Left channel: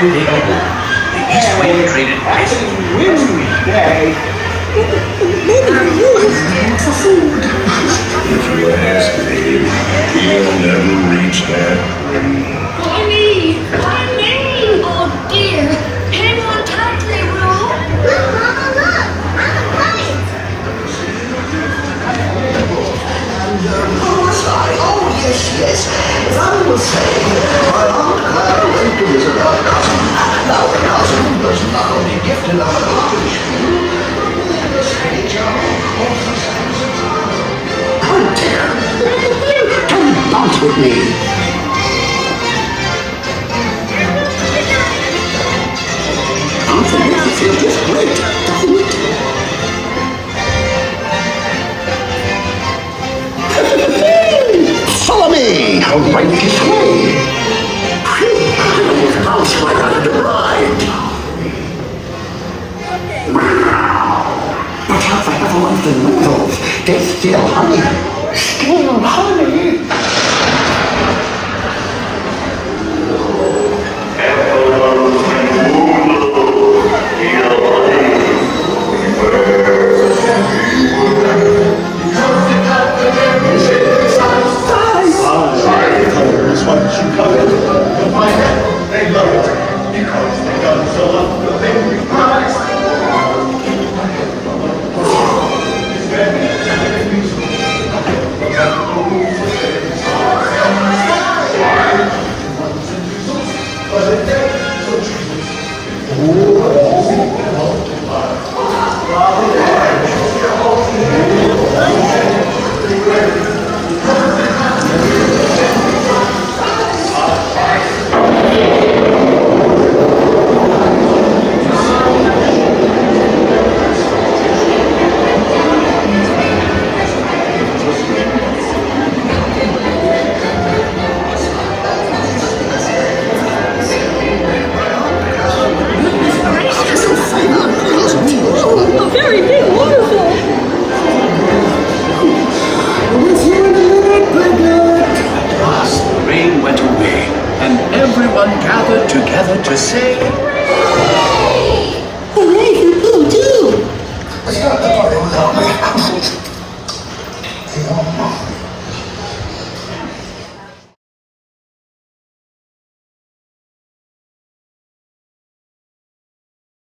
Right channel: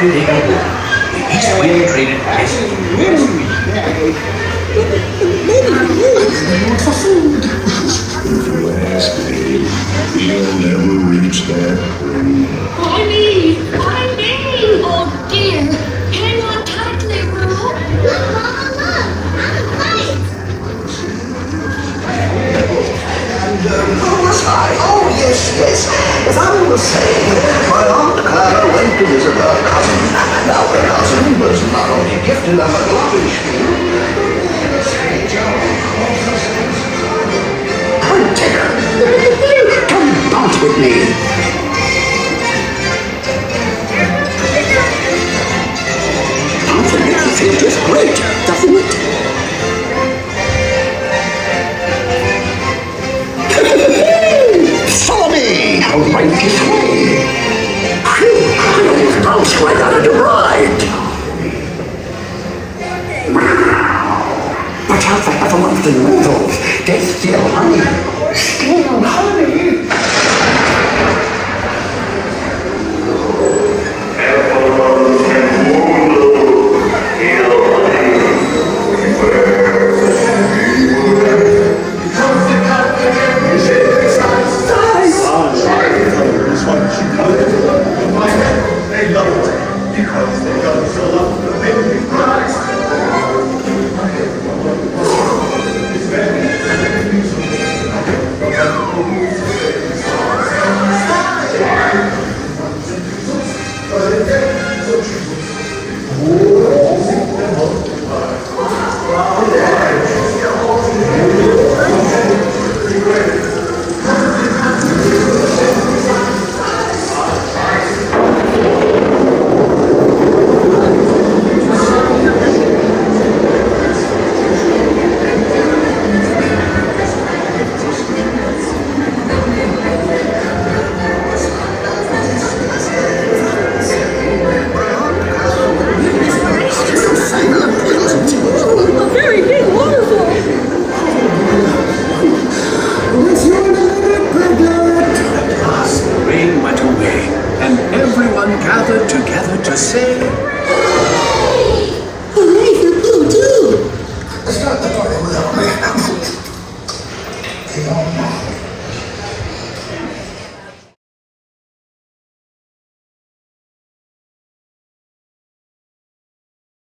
Winnie the Pooh. He's away traded ice cream. For food. If you ask me, we'll never reach that point. Winnie, my name! Oh dear! Hang on tightly, Roo! Look, Mama, look! I'm a fight! Oh, yes. As I was saying, my Aunt Clara went to visit her cousin. Now, her cousin was not only gifted on the lottery oh, dear. Come dance with me. Dancing makes you feel just great, doesn't it? Follow me! Away this way! I almost bounced right out of the ride! But how the ever want the noodles? They still hungry! Still hungry! Gathered together to say, Hooray for Pooh, too! Start the party without me.